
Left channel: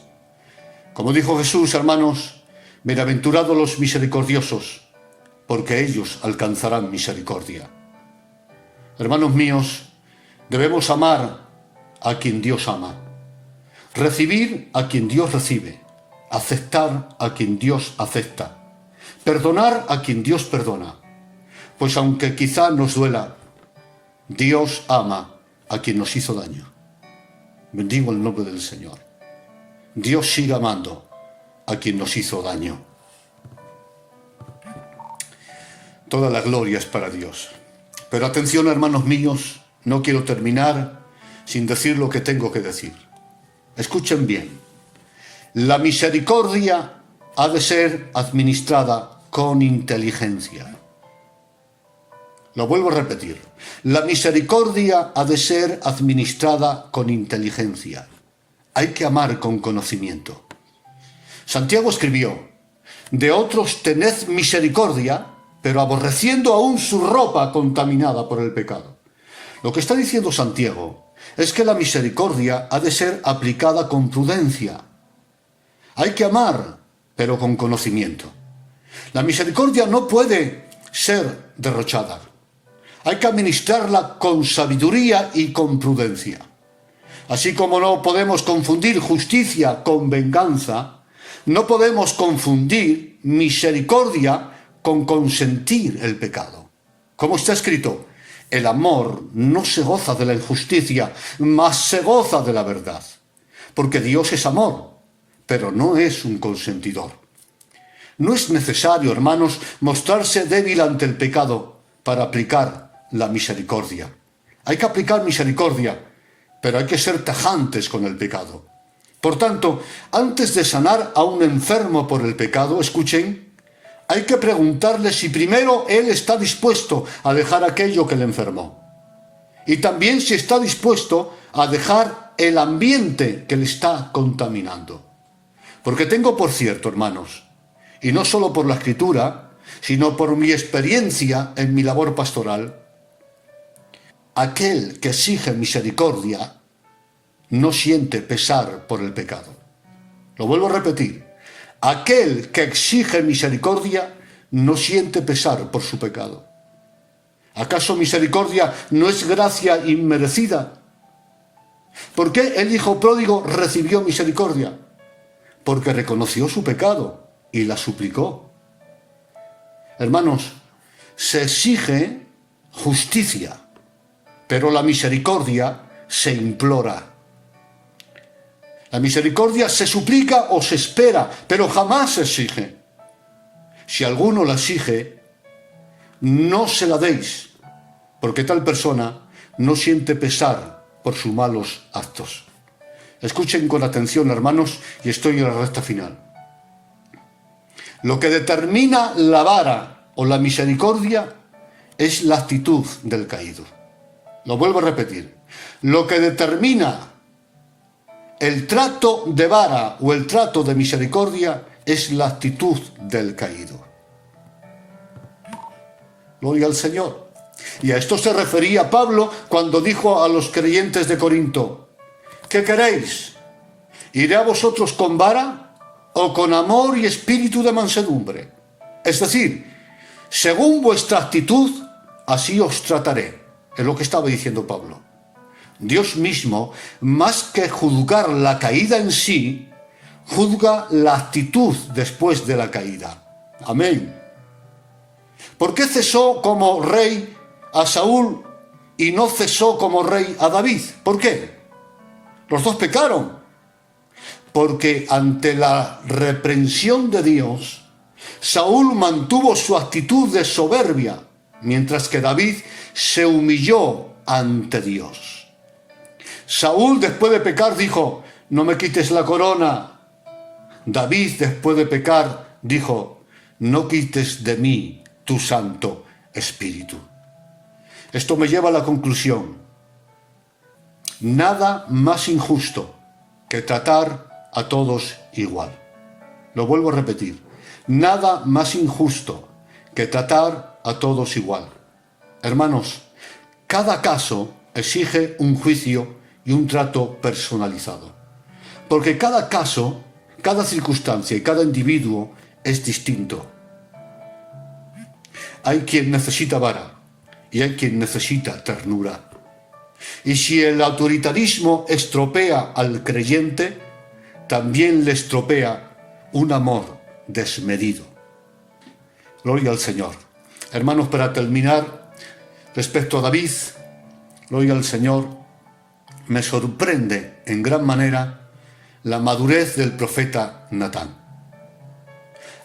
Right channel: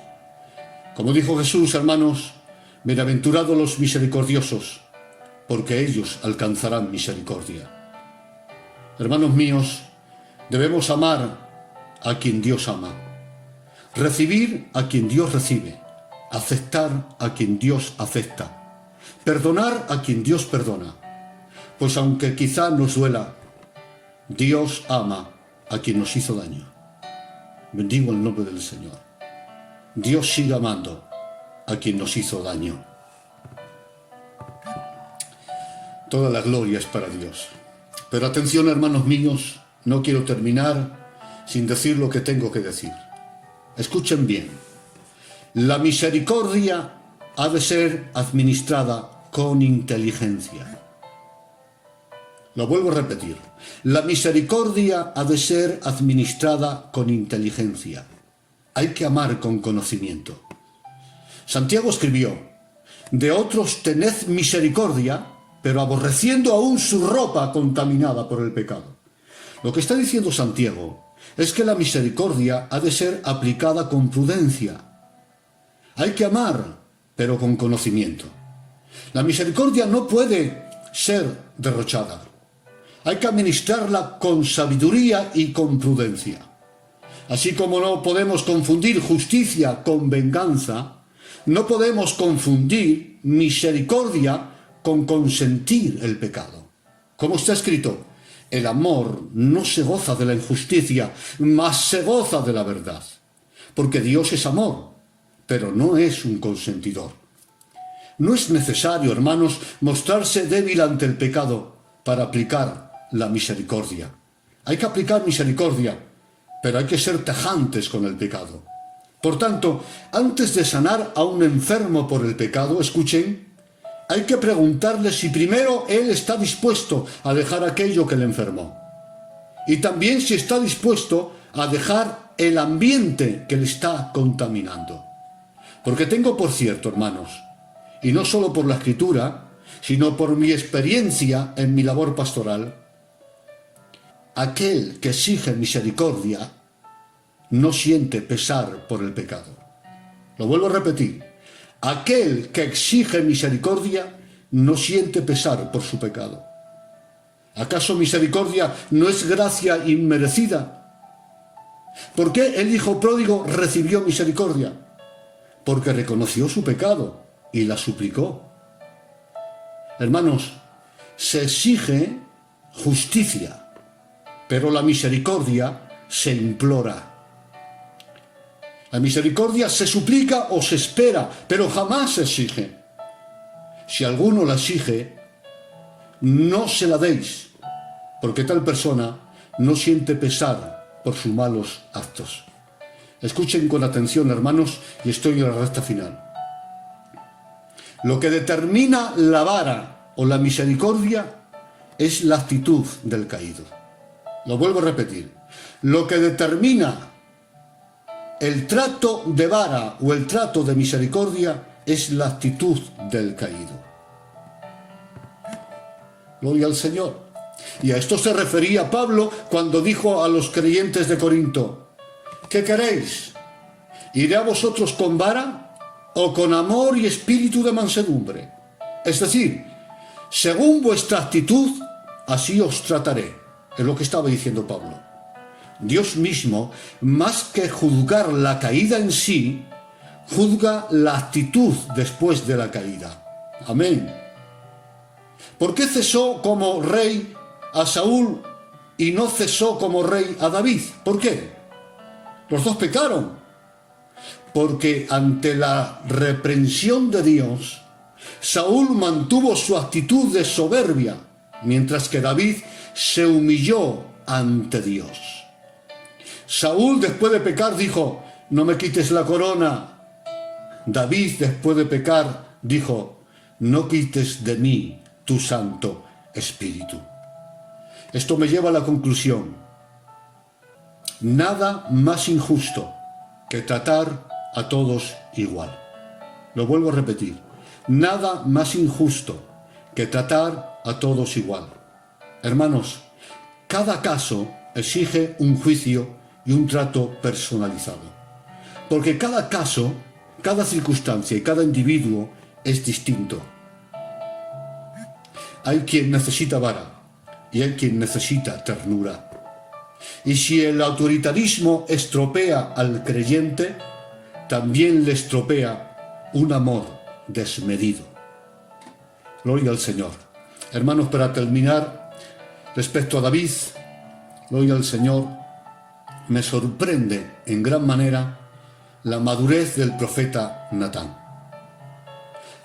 Como dijo Jesús, hermanos, bienaventurados los misericordiosos, porque ellos alcanzarán misericordia. Hermanos míos, debemos amar a quien Dios ama, recibir a quien Dios recibe, aceptar a quien Dios acepta, perdonar a quien Dios perdona, pues aunque quizá nos duela, Dios ama a quien nos hizo daño. Bendigo el nombre del Señor. Dios sigue amando a quien nos hizo daño. Toda la gloria es para Dios. Pero atención, hermanos míos, no quiero terminar sin decir lo que tengo que decir. Escuchen bien. La misericordia ha de ser administrada con inteligencia. Lo vuelvo a repetir. La misericordia ha de ser administrada con inteligencia. Hay que amar con conocimiento. Santiago escribió: de otros tened misericordia, pero aborreciendo aún su ropa contaminada por el pecado. Lo que está diciendo Santiago es que la misericordia ha de ser aplicada con prudencia. Hay que amar, pero con conocimiento. La misericordia no puede ser derrochada. Hay que administrarla con sabiduría y con prudencia. Así como no podemos confundir justicia con venganza, no podemos confundir misericordia con consentir el pecado. Como está escrito, el amor no se goza de la injusticia, mas se goza de la verdad. Porque Dios es amor, pero no es un consentidor. No es necesario, hermanos, mostrarse débil ante el pecado para aplicar la misericordia. Hay que aplicar misericordia, pero hay que ser tajantes con el pecado. Por tanto, antes de sanar a un enfermo por el pecado, escuchen, hay que preguntarle si primero él está dispuesto a dejar aquello que le enfermó. Y también si está dispuesto a dejar el ambiente que le está contaminando. Porque tengo por cierto, hermanos, y no solo por la Escritura, sino por mi experiencia en mi labor pastoral, aquel que exige misericordia no siente pesar por el pecado. Lo vuelvo a repetir. Aquel que exige misericordia no siente pesar por su pecado. ¿Acaso misericordia no es gracia inmerecida? ¿Por qué el hijo pródigo recibió misericordia? Porque reconoció su pecado y la suplicó. Hermanos, se exige justicia, pero la misericordia se implora. La misericordia se suplica o se espera, pero jamás se exige. Si alguno la exige, no se la deis, porque tal persona no siente pesar por sus malos actos. Escuchen con atención, hermanos, y estoy en la recta final. Lo que determina la vara o la misericordia es la actitud del caído. Lo vuelvo a repetir. Lo que determina el trato de vara o el trato de misericordia es la actitud del caído. Gloria al Señor. Y a esto se refería Pablo cuando dijo a los creyentes de Corinto: ¿qué queréis? ¿Iré a vosotros con vara o con amor y espíritu de mansedumbre? Es decir, según vuestra actitud, así os trataré. Es lo que estaba diciendo Pablo. Dios mismo, más que juzgar la caída en sí, juzga la actitud después de la caída. Amén. ¿Por qué cesó como rey a Saúl y no cesó como rey a David? ¿Por qué? Los dos pecaron. Porque ante la reprensión de Dios, Saúl mantuvo su actitud de soberbia, mientras que David se humilló ante Dios. Saúl, después de pecar, dijo: no me quites la corona. David, después de pecar, dijo: no quites de mí tu Santo Espíritu. Esto me lleva a la conclusión. Nada más injusto que tratar a todos igual. Lo vuelvo a repetir. Nada más injusto que tratar a todos igual. Hermanos, cada caso exige un juicio y un trato personalizado. Porque cada caso, cada circunstancia y cada individuo es distinto. Hay quien necesita vara y hay quien necesita ternura. Y si el autoritarismo estropea al creyente, también le estropea un amor desmedido. Gloria al Señor. Hermanos, para terminar, respecto a David, gloria al Señor, me sorprende en gran manera la madurez del profeta Natán.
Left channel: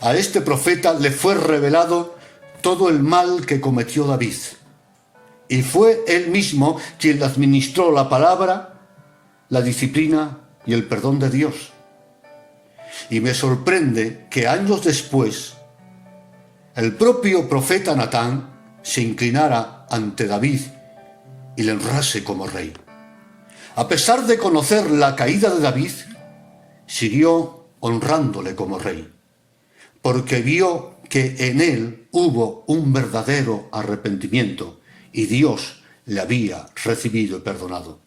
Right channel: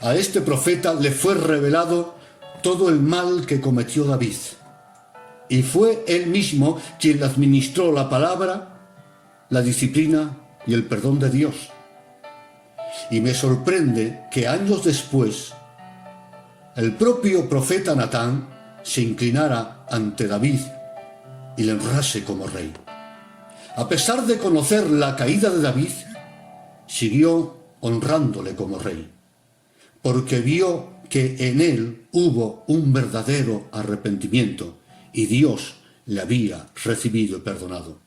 A este profeta le fue revelado todo el mal que cometió David. Y fue él mismo quien administró la palabra, la disciplina y el perdón de Dios. Y me sorprende que años después el propio profeta Natán se inclinara ante David y le honrase como rey. A pesar de conocer la caída de David, siguió honrándole como rey, porque vio que en él hubo un verdadero arrepentimiento y Dios le había recibido y perdonado.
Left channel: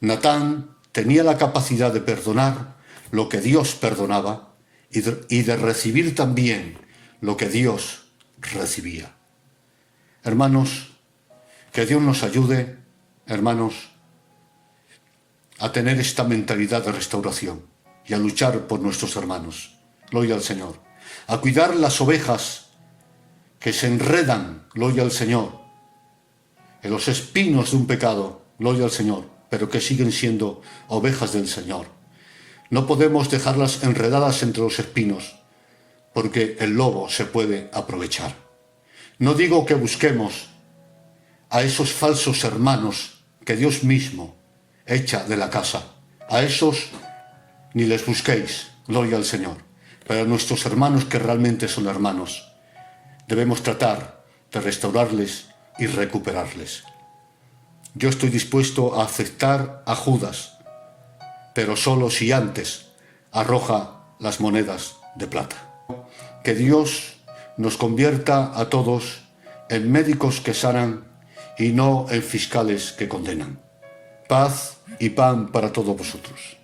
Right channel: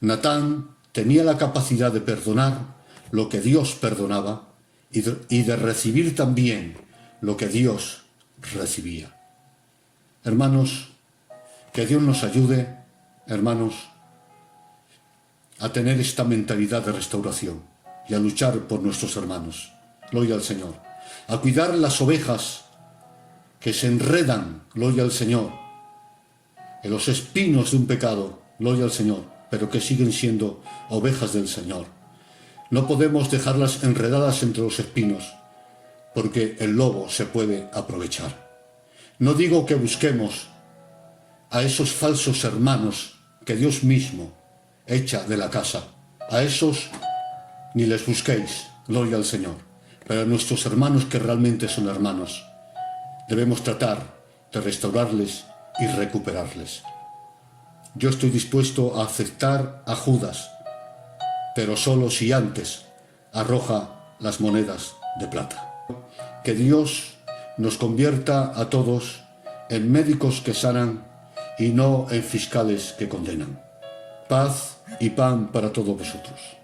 Natán tenía la capacidad de perdonar lo que Dios perdonaba y de recibir también lo que Dios recibía. Hermanos, que Dios nos ayude, hermanos, a tener esta mentalidad de restauración y a luchar por nuestros hermanos. Gloria al Señor. A cuidar las ovejas que se enredan, gloria al Señor, en los espinos de un pecado, gloria al Señor, pero que siguen siendo ovejas del Señor. No podemos dejarlas enredadas entre los espinos, porque el lobo se puede aprovechar. No digo que busquemos a esos falsos hermanos que Dios mismo echa de la casa. A esos ni les busquéis, gloria al Señor. Pero a nuestros hermanos que realmente son hermanos, debemos tratar de restaurarles y recuperarles. Yo estoy dispuesto a aceptar a Judas, pero solo si antes arroja las monedas de plata. Que Dios nos convierta a todos en médicos que sanan y no en fiscales que condenan. Paz y pan para todos vosotros.